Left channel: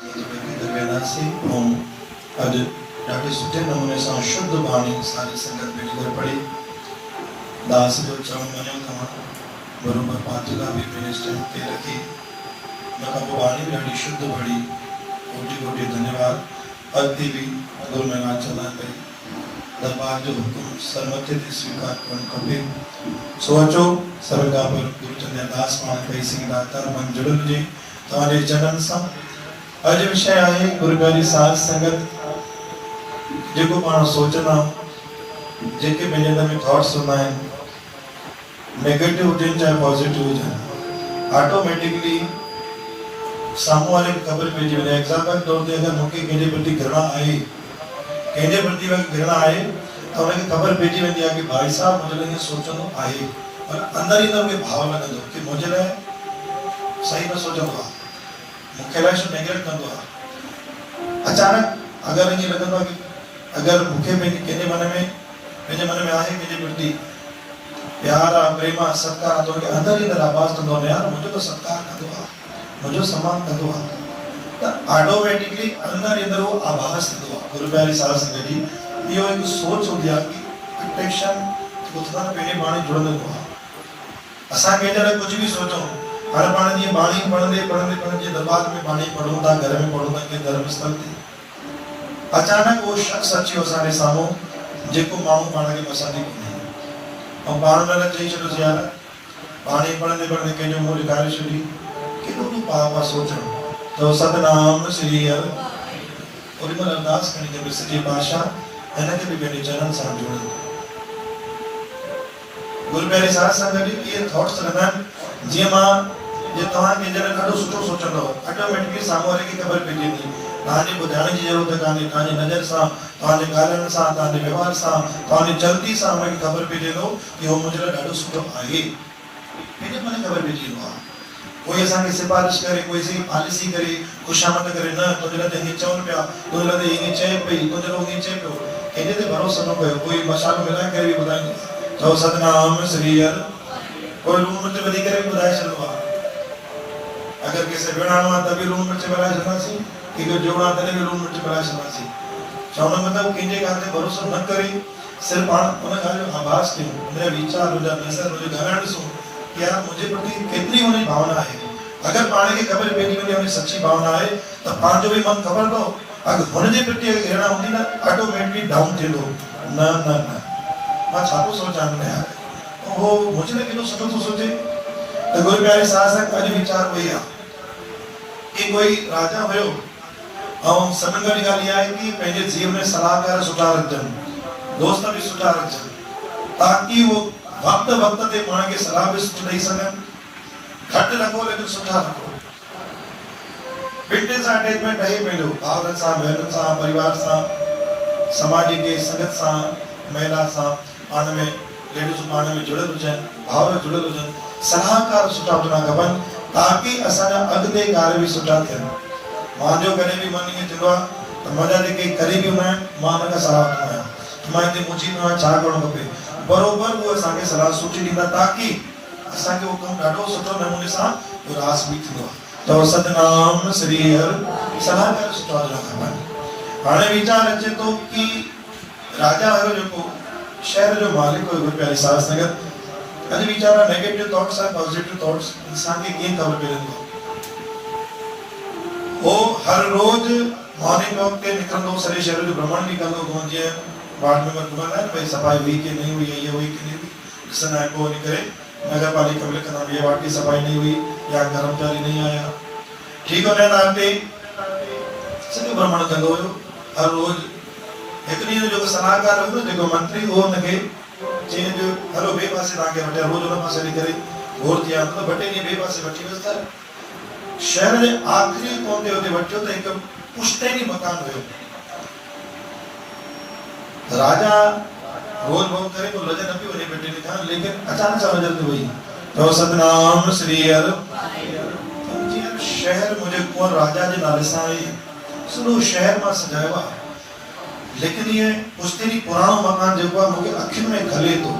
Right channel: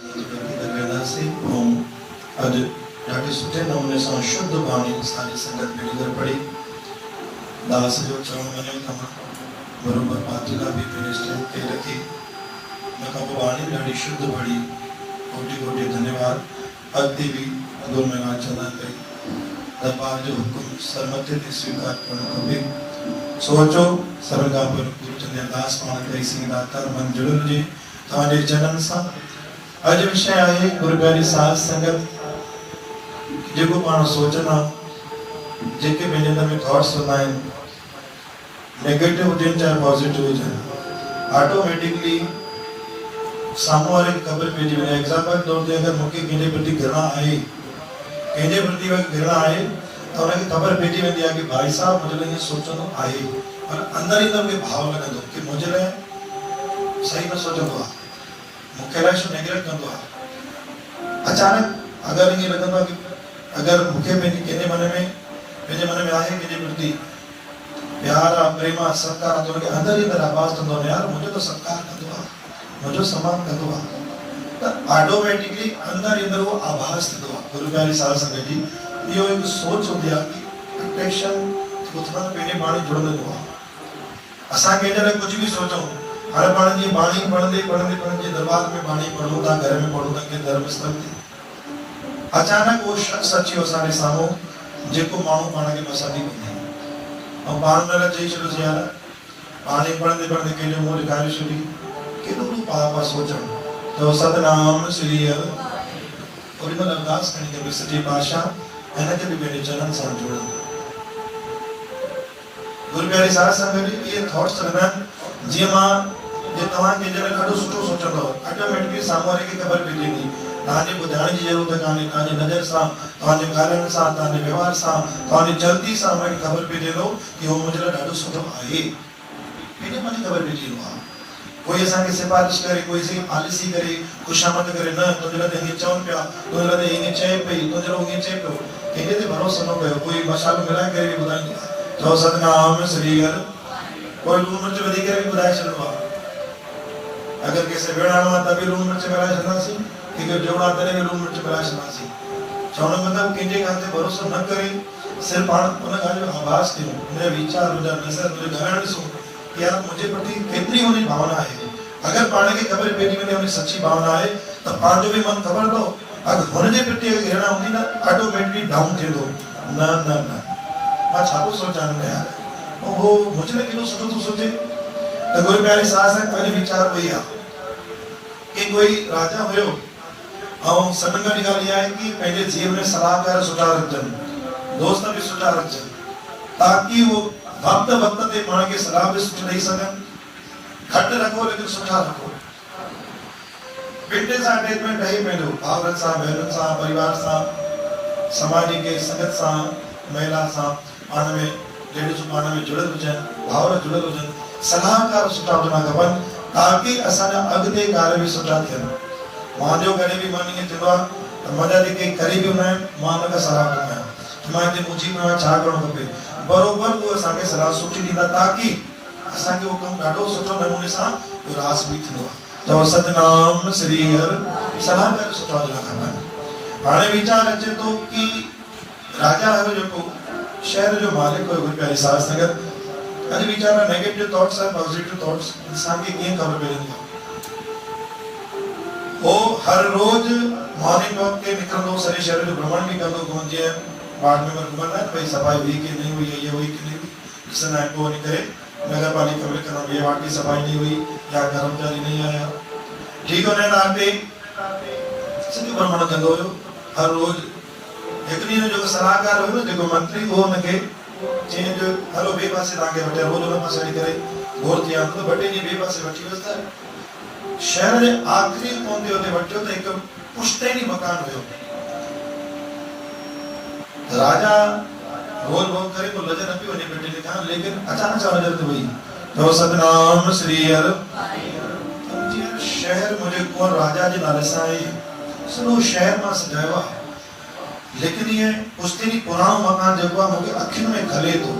अॼु ॾाढे सुठे नमूने सां शुद्ध बाणी सारी संगत मिली करे पढ़ी। दास जो चवण मञियो तव्हां बरोबर पातुका बि पंहिंजे स्टैम्प ते रखी उन खां पोइ बाणी बि ॾाढी शुद्ध पढ़ी। कोटि कोटि धन्यवाद। अॻिते बि गुरु महिमान चवंदा पई दरबार जो हुकुम सरमथे ते स्वीकार करणु खपे। सोचो सरकार पर गुरु चंदे दास पाण कई सघंदा तर मन जुड़ियल हुजे तव्हांजे चरणनि सां। अॼु विषय आहे गुरु प्यारी साध संगत। जेको पाण सोचंदा जेके पंहिंजे अंदर में थॉट्स हूंदा आहिनि नेगेटिव हुजनि चाहे पॉजिटिव हुजनि ऑटोमेटिकली साम्हूं वारे खे ख़बर पइजी वञे। एग्जाम्पल तौर ते अगरि मूंखे कंहिंजे प्रति घृणा आहे त हुनखे ख़बर पइजी वेंदी आहे कि भाई साहब मुंहिंजे लाइ सोचंदो आहे पर अंदर ई मूंखे भाव लॻंदो कि मुंहिंजे लाइ सही न सोचंदो आहे, मूंखे लाइ नेगलेक्ट कंदो आहे। अचानक अगरि ईअं लॻंदो आहे कि अगरि मूंखे कंहिंजे मन में आहे कंहिंजे प्रति प्यार आहे प्रेम आहे सत्कार आहे त हुनखे अंदर ई आवाज़ कंदो आहे यार मुंहिंजो त सत्कार कंदो आहे मुंहिंजो सम्मान कंदो आहे त ऑटोमेटिकली अंदर ई अंदर उहो आभास थींदो आहे। गुरु प्यारी साध संगत जी इहो हिकु सोच हूंदी आहे कि अट्रैक्शन उथंदा पंहिंजे बाणी जुड़ंदो आहे। असां कंहिंजे लाइ कुझु बि सोचूं हाणे पाण जीअं बाणी पढ़ंदे दरबार में बाणी पढ़ूं था घर में पढ़ूं था कंहिं धर्म स्थल ते अचानक वो शख्स अची वियो असांजे साम्हूं जेको माण्हू पाण खे पसंदि ई कोन्हे ऐं पाण हुन लाइ चई छॾियोसीं यार बाणी पढ़ंदे कंहिंजो मुंहुं ॾेखारे छॾी केॾो तूं पापा सोचणु त सतनाम श्री हर ओॾी महिल अरदास करणी खपे सॼे बादशाह हिनखे बि पंहिंजे चरण सां जोड़ो। गुरु प्यारी साध संगत जी इहे थॉट्स रहंदा आहिनि जीअं मां जे तव्हां कंहिंजे लाइ ॾाढो सुठो सोचंदव ऑटोमेटिकली साम्हूं वारे खे ख़बर पइजी वेंदी। तव्हांजे ॿुधाइण जी ज़रूरत कान्हे, तव्हांजी नज़र सां तव्हांजे ॻाल्हाइण सां तव्हांजे व्यवहार सां तव्हांजी चलती सां हुनखे ख़बर पइजी वेंदो कि उहो मुंहिंजे लाइ ॾाढो सुठो आहे। पंहिंजे मन ख़बर पइजी वेंदो आहे। कोई असांखे सिफारिश करे कोई सही पॉलिसी करे ख़ुशामद करे न तुंहिंजे लाइ हीअं चवनि पिया तुंहिंजे लाइ हीअं चए पई तुंहिंजे लाइ हीअं चए पियो कंहिंजे ते भरोसो न कयो। कोई मसालो मिलाए करे बि ॿुधाईंदो आहे चओ सतनाम श्री हर कोई लूणु मिर्च वधी करे बि ॿुधाए छॾंदो आहे। अगरि कंहिंखे विढ़ाइणो आहे त बि लूणु मिर्च मिलाए छॾंदासीं कंहिंखे जोड़ा तॾहिं बि लूणु मिर्च मिलाए छॾंदासीं। चवण जो मतिलबु कंहिंजे ॻाल्हि ते भरोसो न करे सिर्फ़ु पाण उन ॻाल्हि जो आभास कयूं मुंहिंजा वीचार मुंहिंजा नज़र मुंहिंजो ॻाल्हाइण ॾिसूं कि यार मुंहिंजे प्रति केतिरी हुनजी भावना आहे। अगरि पाण खे ख़बर पइजी वञे हुनजी सची भावना आहे त पंहिंजो बि मन ख़बर अथव अगरि हुनजे प्रति घृणा हूंदी न ऑटोमेटिकली डाउन थींदो न न न मां छा थो सोचां यार उहो मुंहिंजे लाइ केॾो सुठो थो सोचे। त गुरु प्यारी साध संगत अॼु वीचार वही आहे कि कोई राजा हुयो ऐं सभिनि खां वॾी ॻाल्हि इहा आहे कि पंहिंजे जीवन में सलाहकार सुठा रखजनि दोस्त बि सुठा रखजनि ताकि उहो वक़्त ते पाण खे सलाह बि सुठी ॾेई सघनि। घटि रखो लेकिन सुठा रखो। ॿिन्हिनि सां अटैचमेंट रहे पंहिंजो भाउरनि सां भेनरुनि सां परिवार सां समाज के संगत सां महिला सां पाण में लेडीज़ूं पाण में जुड़ियल हुजनि भाउर जुड़ियल हुजनि सलाहकार सुठा हुजणा खपनि ताकि असांजा अॻिते कार्य बि सुठा थियनि। मुंहिंजो कॾहिं बि मन ईअं थींदो आहे त मुंहिंजा जेके क़रीबी हूंदा आहिनि मां हुन खां सलाह वठंदो आहियां मां हिते मुंहिंजी में छा करणो खपे बरोबरु उहे असांखे सलाह सुठी ॾींदा ताकि असांखे उहो कमु ॾाढो सुठो नमूने सां रास बि थींदो आहे। चओ सतनाम श्री हर सलाहकार सुठा हुजणा खपनि। हाणे वीचार अचे थो कि राजा हुयो जेको शहर जो मालिक हुयो गुरु प्यारी साध संगत अॼु वीचार नेगेटिव थॉट्स ऐं पॉजिटिव थॉट्स इंसान खे कीअं ख़बर पवंदो। वो हर रोज मॉर्निंग वॉक ते निकरंदो सॼे शहर जो भ्रमण भी कंदो जीअं वार्ड मेंबर घुमंदा आहिनि भई सफ़ाई हुई कि नहीं हुई ये हुई कि नहीं हुई ॾिसंदा आहिनि पोइ वञी करे नगर पालिका में लिखंदा ये वार्ड की सफाई नहीं हुई या कर्मचारी नहीं आया ठीक हो न ते सॼो भ्रमण कंदो हुयो हर रोज। हिकु ॾींहुं जो सलाहकार हुयो जेको मंत्री हो हुनखे चई जो हलो ॿिए पासे तव्हांखे वठी रोज हुन पासे हली करे घोर थी विया ॿ टे ॾींहं ॿिए पासे वठी वियुसि त शहर जे आख़िरी कोन ते हुते वठियो त हिकु पुश्तैनी मकान हुयो। राजा रोज भोग करे वो लजे न पियो वञे बेटे ने कहा लेकिन अचानक सा नजर ते वई जो सतनाम श्री हर शहर मुझे कौन राजा जे नाले सां आहे सॼो शहर मां सजायो आहे लेकिन ये पुश्तैनी पुराणो मकान जेको आहे मूंखे अखियुनि में खले थो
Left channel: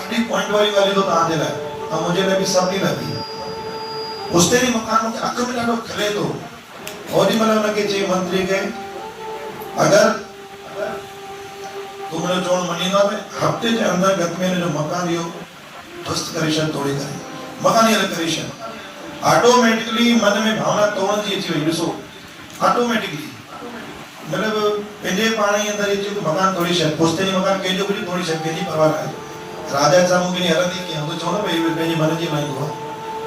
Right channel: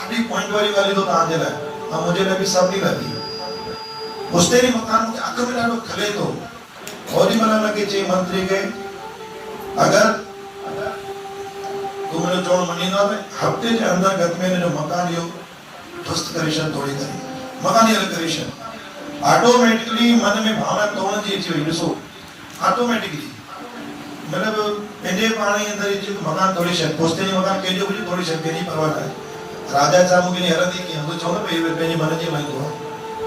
ॾाढी पॉइंट वारी ॻाल्हि थो तव्हांजे लाइ ऐं मुंहिंजे लाइ बि सभिनी लाइ बि पुश्तैनी मकान मूंखे अख में ॾाढो खले थो ओडी मतलब लगे चे मंत्री के अगर तुमने जो मनी ना हफ्ते के अंदर गत में जो मकान यो ध्वस्त करेशन तोड़े करे मकान ये करेशन ऑटोमेटिकली मन में भावना तोड़न जी थी ॾिसो ऑटोमेटिकली मतलब पंहिंजे पाण ई अंदर जो मकान तोड़ी शक पोस्ते नहीं मकान के जो भी तोड़ी शक नहीं परवाह करे राजा सामू के हरदी की हम तो चलो भाई पंहिंजे मन जी मान दो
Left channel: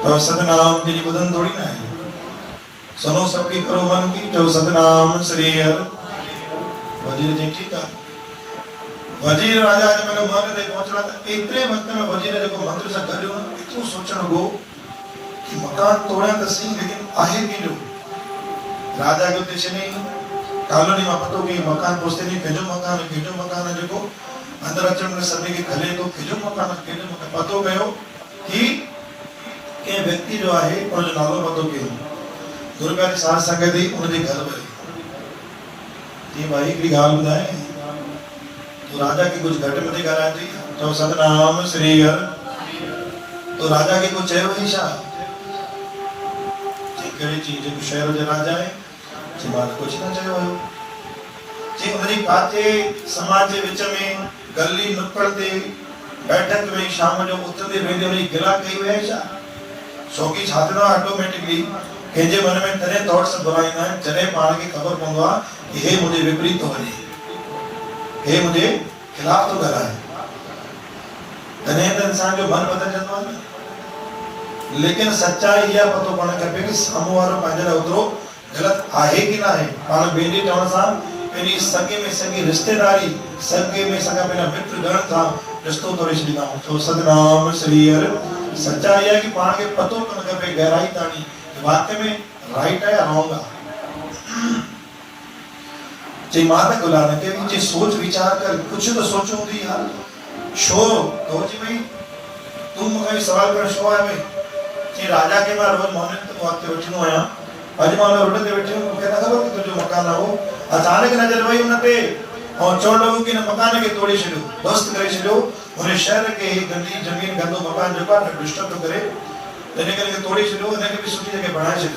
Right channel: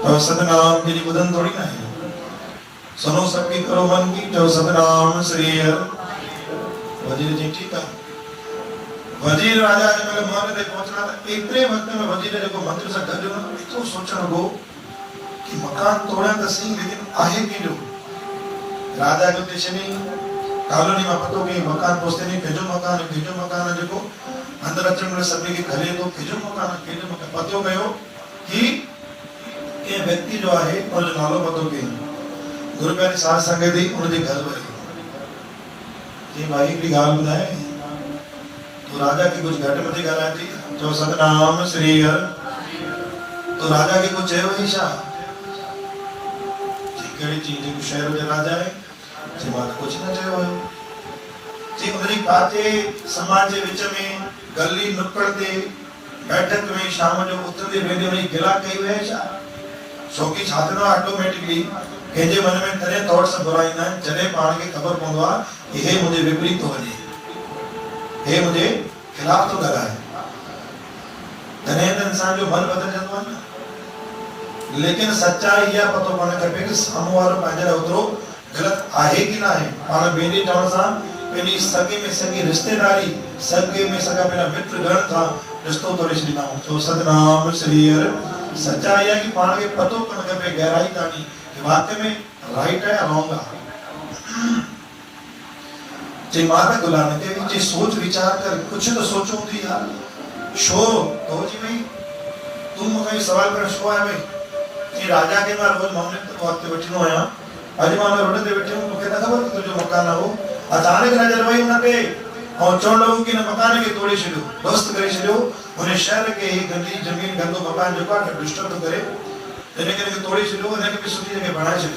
तो सतनाम की बुधन थोड़ी ना है सुनो सबकी करो मन की जो सतनाम श्री हर वजीर जी ठीक है वजीर राजा जब मैं महल ते पहुंचना था इतने वक्त में वजीर ने जो मंत्री से गयो ना इतो सोचण गो कि मकान तोड़े तो सही लेकिन आहे की जो राजा के देश में कॉलोनी में पतो कि मकान पोस्ते नहीं केजो मकान है जो अंदर अचण में सभी के घरे तो केजो मकान पतो गयो कि के व्यक्ति जो है उन जो नालो पतो के गुरु प्यारी साध संगत दी उनके घर में कि भाई की गाल बुधाए तो राजा की कुछ घट में कराई थी तो सतनाम श्री हर तो राजा की कुछ चेहरो ही शाह कई चीजें को शहर में राजा है जी बात कुछ न चयो है जी उनरी काते समाज के विच में गली नुक्कड़ ते बैठक में शाम जो उतरे वेंदे उनरी गिला कई वे छा छोकी छात्र ऑटोमेटिकली केजे मन में तरह थॉट्स बुलाईंदा आहिनि जॾहिं पाण खे ख़बर पवंदो आहे कि हे मुझे विपरीत थो वञे हे मुझे खिलाफ तो कराए तने तो इंसान जो मन बदल जातो है लेकिन सच्चाई यह पतो पड़े खपे कि सामू वालो पंहिंजे उतरो गलत आहे कि ना है पाण बेटी चवण सां पेनी सगे में सगी रिश्तेदारी सगे में सगा मेरा मित्र गण था रिश्तो तो रिश्ता तो सतनाम श्री हर सच्चाई है कि पाण के पतो पड़े खपे गहराई ताणी कि वाकई में राइट है या रॉन्ग है जे माता गुलाम के जी सोच विचार कर कुछ तो सोचो थी यार शो तो जी भाई तुम मुझे सवाल कर शो है भाई कि राजा के बार रोज मोहन वक्त बैठनो आया आज मान रोटे ते बैठे हूं कहता खबर कि जो मकान ना हो अचानक नजर वही उन पे और चोर लोगों के मकान के तोड़े छो दोस्त करे छो उन्हें शहर के ही गंदी जमीन गंदो मकान जो का डिस्टर्ब तो करे तने के तोड़े छो ने भी सुठी जगह बनाए छो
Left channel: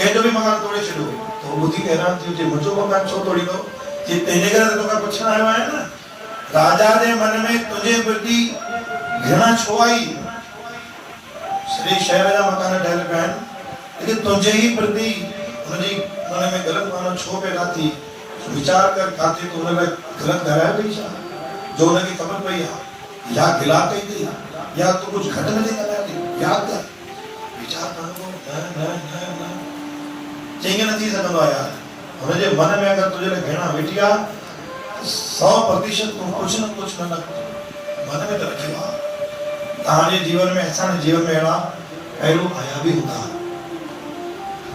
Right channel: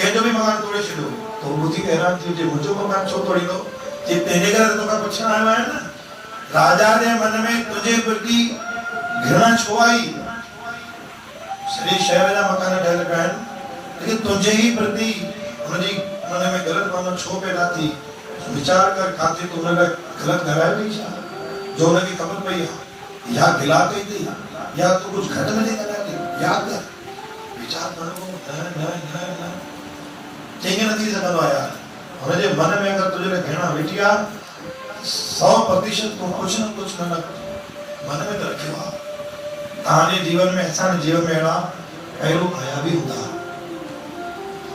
के जो भी मकान तोड़े छो तो बुद्धि हैरान थी जे मुझो मकान छो तोड़ी दो जे तेरे घर तो का पूछना आयो है ना राजा ने मन में तुझे प्रति घृणा छो आई श्री शहर का मकान ठहर गए लेकिन तुझे ही प्रति उनकी मन में गलत मानो छो पैदा थी विचार कर खाते तो उन्हें गलत कराया भी जो उनकी खबर पई या गिलाते थी या तो कुछ घटना नहीं करा याद कर विचार करो न चेंगे नहीं सकता यार उन्हें जे मन में अगर तुझे घृणा बैठिया 100% तुम कुछ न कुछ न मन में तो रखियो ताजे जीवन में ऐसा जीवन में ना पहलू आया भी होगा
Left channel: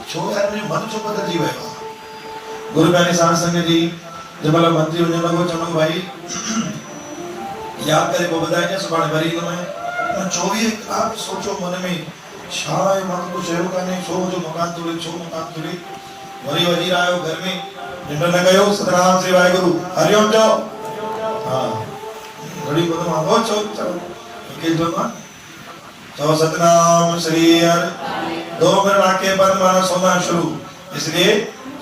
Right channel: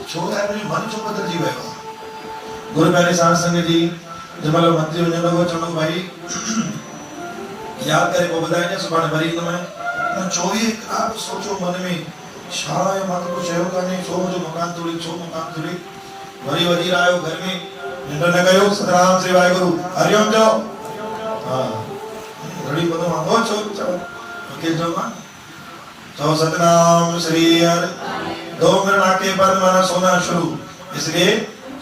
छो है मुझे मन छो बदल जी वयो गुरु प्यारे साध संगत जी जब वाला मंत्री होने लगे चलो भाई याद करे को बताया जाए सुबह भरी तो मैं 24 रात सोचो मन में शायद मत को शेरो करने छो जो मकान तुड़ी वरी वजीर आयो घर में निंदर न गयो सतनाम से वाहेगुरु हरिओम जो हां घड़ी बदो मांगो छो के जो ना तो सतनाम श्री हर 2 मिनट आके बाद माना सोना शुरू इसलिए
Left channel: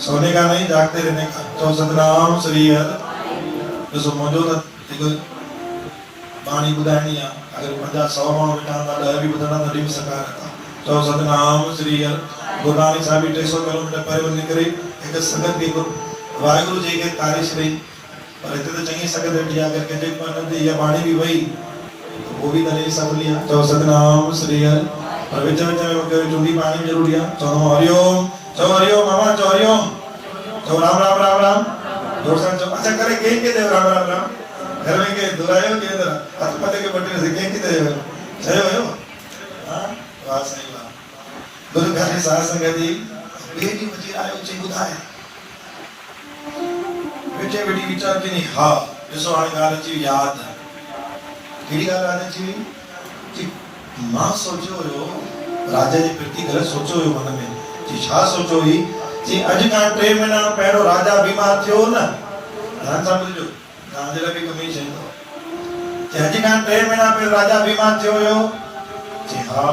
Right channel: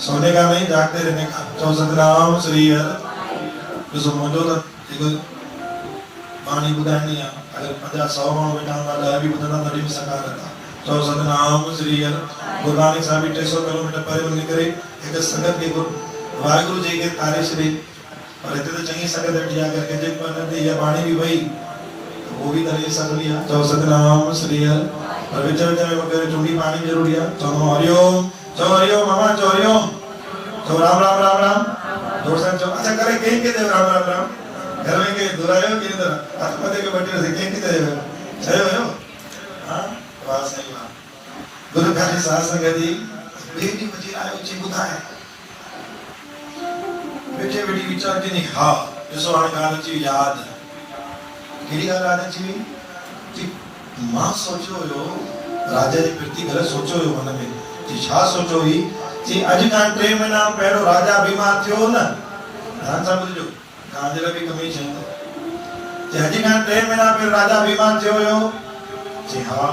सोने का नहीं जागते रहने का तो सतनाम श्री हर जो मौजूद है पानी बुधानी है अगर 50-100 माण्हू वेठा हूंदा 10 भी ॿुधंदा तॾहिं बि सरकार था तो सतनाम श्री हर गुरु नानक साहब 300 किलोमीटर परे वञी करे हिकु संगत खे वाहिगुरु जी खे तारे छॾे पर हिते त चङी संगत वेठी आहे अगरि कंहिंजे मन ते इहा बाणी बि वई वो भी तरह सकली है तो सतनाम श्री हर और विच विच में वगैरह चुंडी पानी जरूरी है तो हरिओम मामा चो हरिओम तो राम राम राम राम जोर से तो अच्छा करे कहीं के दे राम राम राम घर में के दुरायो के अंदर आत्मते के बटे से कहीं के दे सही हो हां वाह सही बात गुरु प्यारे साध संगत जी बेटी बची आयो चे बुधाए बेटे बेटी विचार के नहीं हां जसो हाणे गाल जी याद केड़ी गाल आने छी कि मां सोचो यो राजा जे प्रति घर सोचो यो मन में जी छा सोचो ही जी अज का 3 महीना पहलो राजा बीमार थियो न ध्यान सां बुझो कांजे लगे कमी छे जी अज का 3 महीना पहलो राजा बीमार थियो यो जी हां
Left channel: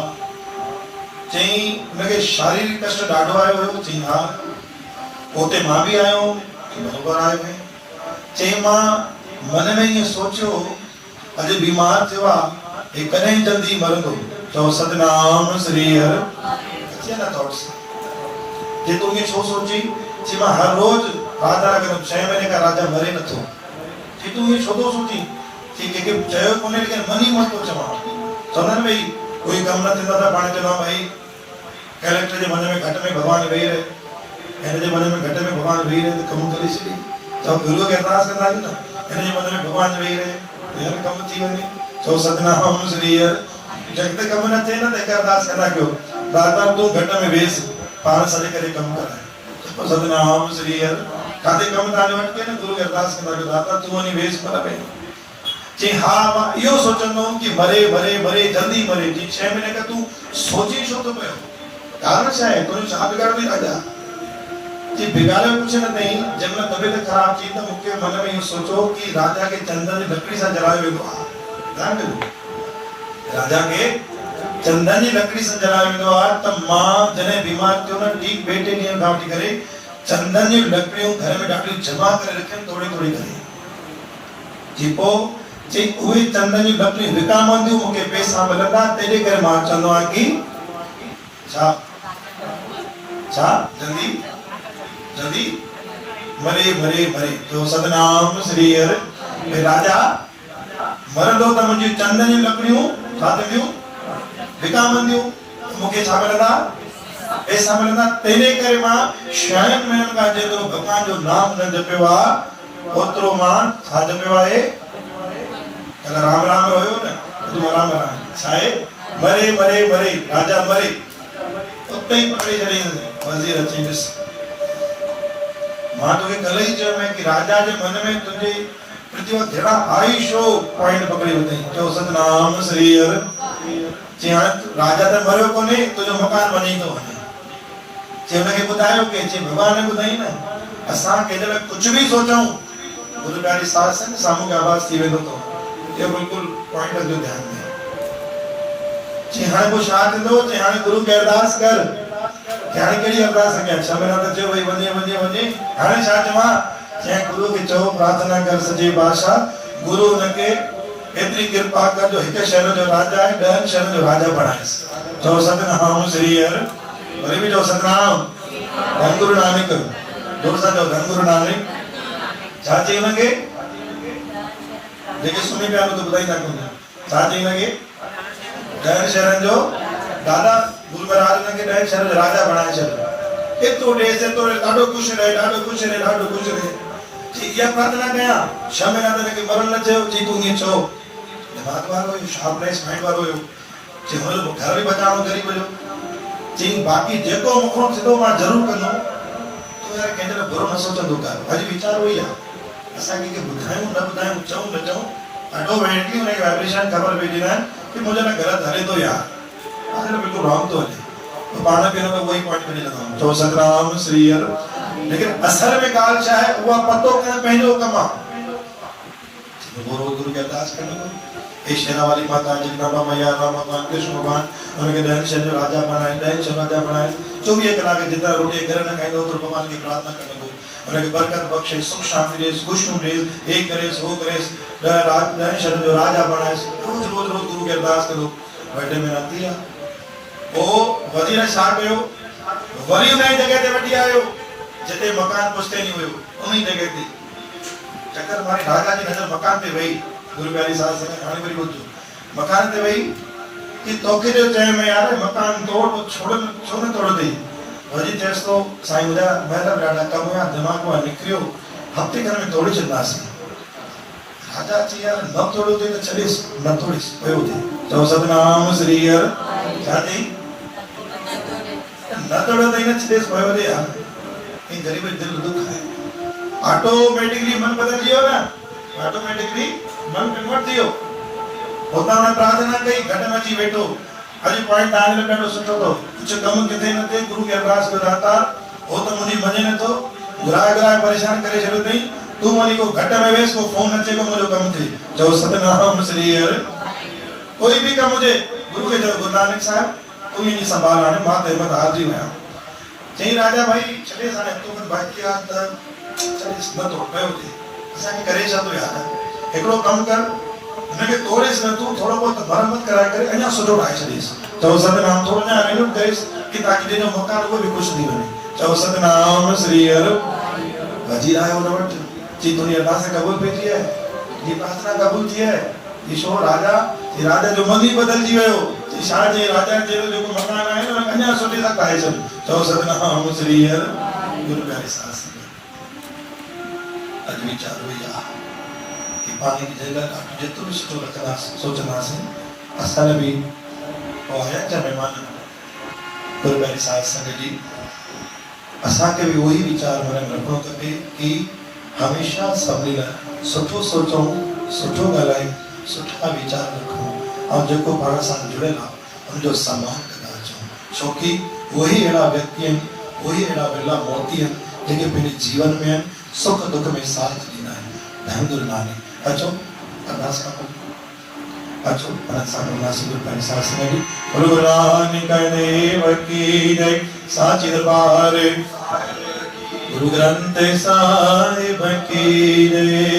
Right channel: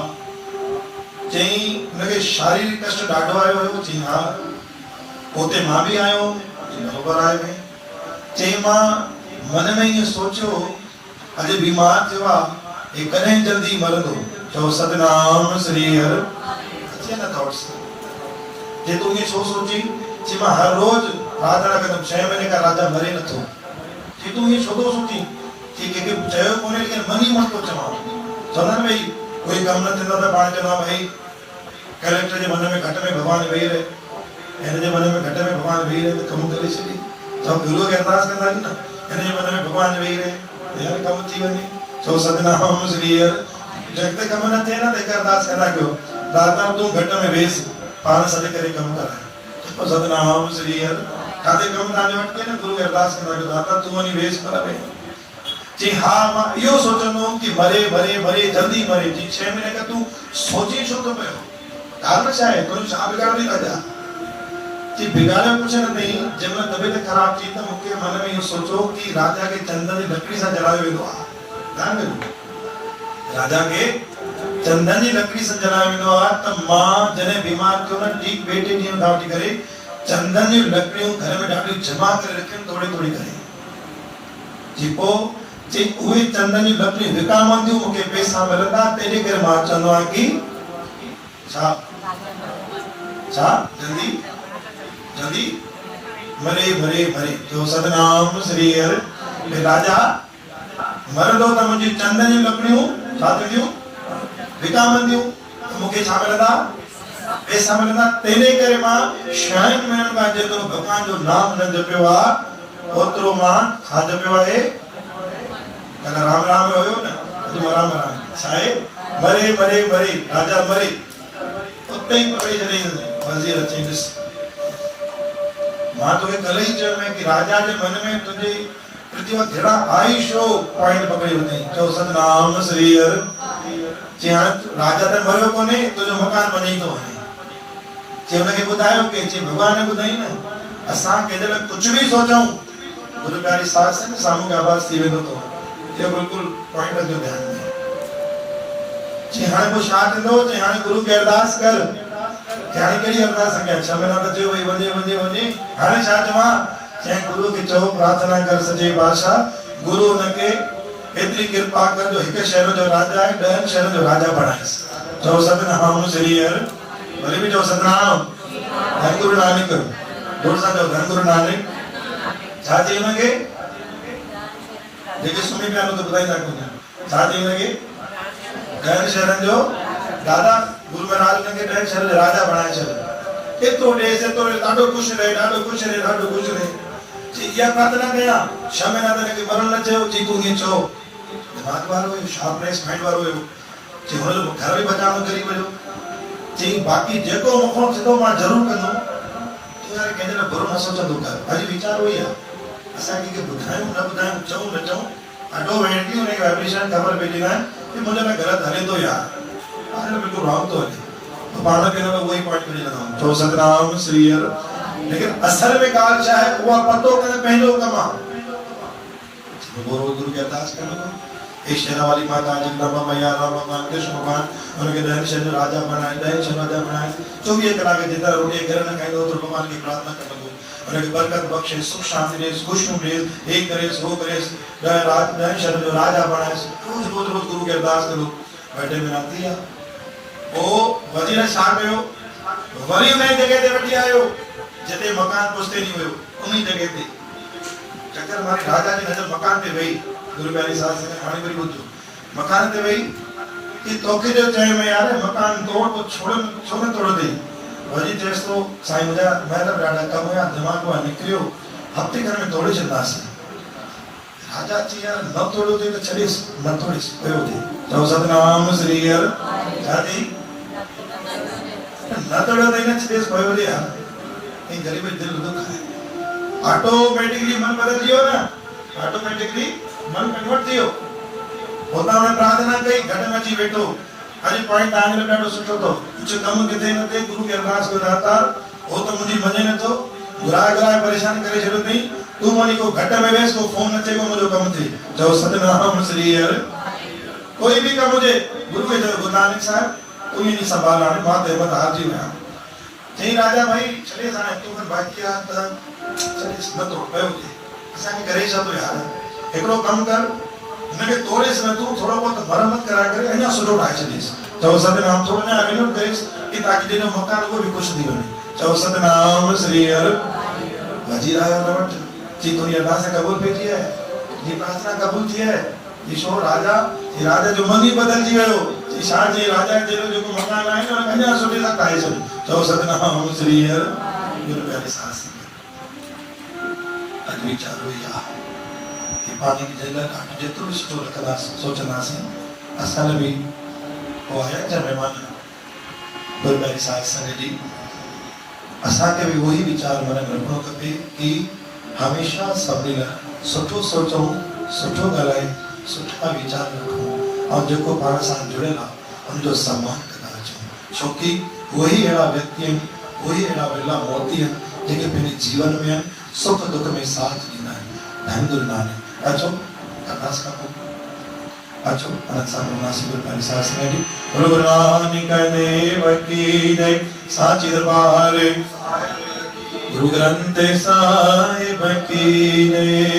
चई मूंखे शारीरिक कष्ट ॾाढो आयो हुयो। चई हा पोते मां बि आयो बराबरि आहे। चई मां मन में ईअं सोचियो अॼु बीमार थियो आहे हे कॾहिं जल्दी मरंदो। चओ सतनाम श्री हर अचे न थॉट्स जे तूं ईअं छो सोची। चई मां हर रोज प्रार्थना कंदुमि 6 महीने का राजा मरे नथो। चई तूं ईअं छो थो सोची। चई कंहिंखे चयो कोन्हे लेकिन मन ई मन थो चवां। चवंदा आहिनि भई कोई कमु न थींदो त पाण चवंदा भई कलेक्टर जे मन में घटि में भॻवानु वेही रहे, हिन जे मन में घटि में भॻवानु वेही रहे त कमु करे छॾी। त गुरूअ खे अरदास कंदा आहियूं न हिन जे मन में भॻवानु वेही रहे यार कमु थी वञे। चओ सतनाम श्री हर जॻत कमु न थिए न त हिकु अरदास कंदा कयो दाता तूं घटि में वेहसि पाण सॾ करे कमु कराए। चओ सतनाम श्री हर काथे कमु तव्हांजो अटके न गुरू खे अरदास कंदा कयो दाता तूं वञी वेहसि पर वेह। चई हा मां इहो सोचंदो कि मरे मरे मरे जल्दी मरे। जी 6 महीने का तूं सोचे छो थो पियो कारण छा आहे तुंहिंजो छा बिगाड़ो राजा। जी बिगाड़े कुझु न अथई जंहिं महिल तबियत ख़राब थी त मूंखे मन में इहो सोचो कि राजा खे चंदन जी लकड़ी सां जलायो वेंदो आहे। राजा खे चंदन जी लकड़ी सां जलायो वेंदो आहे त मां जॾहिं बीमार थियो न ठीक 2-3 ॾींहं खां वठी करे चंदन जी लकड़ियूं घर में ॾाढी जमा करे रखियूं थोड़ी थोड़ी करे। जी पोइ चई उहे चंदन जी लकड़ियूं विकामंदियूं मूंखे पैसा मिलंदा तंहिंजे करे मां चवंदो आहियां कि छा छा जल्दी जल्दी मरे मरे मरे। जो सतनाम श्री हर राजा मरंदो त मुंहिंजी चंदन जी लकड़ियूं छा थींदियूं विकामंदियूं मूंखे छा मिलंदा पैसा मिलंदा। तंहिंजे करे मां 6 महीननि खां जेको भॻवान जो नाम न जपियो आहे ओतिरो मां छा जपियो आहे कल्ह राम राम हुयो न अॼु राम राम छा आहे मरे मरे मरे राजा मरे उते ई पकड़ी छॾींदे वज़ीर अची ॾिस। मां तोखे कल्ह ई चयो कि राजा जे मन में तुंहिंजे प्रति जहिड़ा आई शो पॉइंट पकड़ी वरितई। चओ सतनाम श्री हर। चई हाणे राजा त मरियो कोन्हे तुंहिंजो मकान वञी थो वञे। चई हुनखे ॿुधायो कि चई भॻवान ने ॿुधाई न असां केॾी कुझु बि सोचूं गुरू प्यारी सास साम्हूं खे आवाज़ थी वेंदो अथव। इहो बिल्कुलु पॉइंट जो ध्यानु ॾे। चई हाणे पोइ छा थींदो। चई हाणे गुरू खे अरदास कर। हाणे कहिड़ी अरदास कयां 6 महीना त चयो भई वञे वञे वञे हाणे छा चवां। चई गुरू खे चओ प्रार्थना कर सॼे बादशाह गुरू हुनखे एतिरी कृपा कर जो हिकु शहर जो राजा आहे 10 शहरनि जो राजा बणाएसि। चओ सतनाम श्री हर। वरी बि चओ सतनाम धन गुरु नानक। जोर सां चओ धन गुरु नानक। छा चई हुनखे जेके सुम्ही पिया आहिनि त ॿुधाईंदा कोन छा चई हुनखे 10 शहरनि जो दादा गुरु महाराज हुनखे 10 शहर जो राजा बणाए छॾियो। एतिरो ॾेसि एतिरो ॾाढो ख़ुशि रहे ॾाढो ख़ुशि रहे ॾाढो ख़ुशि रहे। चई इहा प्रार्थना कयां 6 महीना त हिनखे मरण न चयो। चई तूं ईअं चओ दिमाग़ वारो हुयो शार्पनेस माइंड वारो हुयो। चई हुनजो घर बि बचाइणो करी वियो। चई बाक़ी जेको मूंखां थींदो मां ज़रूरु कंदुमि। तूं यार कंहिंजे लाइ बुरो न सोचंदो कर। अॼु वीचार उहो ई आहे असां कंहिंखे ॿुधायूं न ॿुधायूं चऊं न चऊं ऑटोमेटिकली हुनखे वाइब्रेशन ख़बर पइजी वञे कि मुंहिंजो लाइ ग़लति हले थो यार अगरि बिल्कुलु रॉन्ग थो हले तो पाण खे हुन उहो ई पॉइंट करे लॻाऊं। चओ सतनाम श्री हर। लेकिन असल में ॻाल्हि छा आहे उहा पतो करणु पंहिंजो कमु आहे। गुरू खे अरदास करणु हे शेरा वाली माता जगदम्बा मैया राम भगवान कृष्ण भगवान हुनखे 10 शहर जो राजा बनाए 10 शहर राजा बनाए 24 कलाक जेतिरा रोटी घर न खाईंदो ओतिरो भगवान खे प्रार्थना कंदो हुनखे बरकत बख़्शे सुख शांति ॾेसि ख़ुशियूं ॾेसि हे करेसि हो करेसि 10 शहर जो राजा बनाएसि। रोज़ रोज़ गुरू खे अरदास करो बैठे में रहती है। ओ वज़ीर छा कयो वरी उन जगह ते वठी आयो जिते मकान पुछते नहीं हुयो उन जगह ते चक्कर मारे राजा जी नजर मकान पे वही गुरु प्यारी साहब से हाणे वरी ॿुधो मकान ते वही कि तोखे जो चयो में यार मकान तोड़ तो छोड़ छो न तोड़ दे। वरी चएसि तो साईं मुंहिंजा महिर ॾाढा कम हुया दिमाग़ मां निकिरियो हफ़्ते खनि में तोड़े छॾंदासीं। राजा चई यार न तोड़ियो थिए त छॾेसि न तोड़ेसि पियो थिए। चओ सतनाम श्री हर। छा चई न तोड़ियो अथई न छॾेसि पियो थिए यार ऐं ग़रीब जो दिलि दुख आहे। ऑटोमेटिकली मन बदलिजी वियो न ऑटोमेटिकली मन कन्वर्ट थी वियो। हुतां हुन प्रार्थना कई घटि में अची वेठो अॼु पॉइंट तव्हांजे लाइ ॾाढो सुठो अथव कुझु कमु किथे न थिए गुरू खे अरदास कयो दाता हो त मुंहिंजी मञे नथो घुराए परेशान करे छॾियो अथई तूं वञी को घटि में वेसि को फोन न चयो मुंहिंजो कमु थिए। चओ सतनाम श्री हर। कोई बि कमु हुजे गुरू खे चओ गुरु नानक साहिब तू ये नहीं संभाल हाणे मां ते मत हारजी विया चई राजा भाई छॾे हाणे तोखे बाक़ी आहे त छॾे नथो पियो हुजे असांखे करे छा थो यार हिकिड़ो कमु कर हुनखे तोड़ेसि न तूं थोरो बहुत मरम्मत कराए करे अञा सुठो ठाहे छॾेसि चओ सतनाम थोरो अञा अॻिलो करेसि कि ताकि जंहिंजो मकान उहो बि ख़ुशि थी वञे चओ सतनाम श्री हर वज़ीर आयो हुन वटि चई तुंहिंजी अरदास क़बूल पई थी आहे तुंहिंजी प्रार्थना क़बूल थी आहे ईशो राजा ये राजा जो मन ही बदलजी वियो चई छा जे राजा जो जेको मकान आहे न अञा सुठे सां ठाहे छॾ चओ सतनाम श्री हर गुरु प्यारे साथ संगत अॼु वीचारो इहा कि पाणी जी जॻह ॾाढो जेतिरो सुठो लिखंदासीं सोचंदासीं असां लाइ बि पोइ आया जा महिमान गुरु प्यारे साथ संगत जी असांखे बि उहो ई वीचार मन में रखणो खपे कि हमेशह सभिनी लाइ सुठो सोचूं सुठो ॻाल्हायूं सुठा वीचार रखूं और जेको पाण सां जुड़ियल आहे उनजो सम्मान कंदा अचूं छोकी वही अहिड़ा व्यक्ति आहिनि वही अहिड़ा विरला मोती आहिनि जेके पंहिंजे जीवन में आहिनि सुख दुख में साथ ॾींदा आहिनि धन दुर्नाने अचो अरदास कयूं अचो अनंत सां बोलंदासीं गुरु प्यारे साहिब संगत जी बोलो गुरु नानक देव की जय साची दरबार गुरु ग्रंथ साहिब की जय।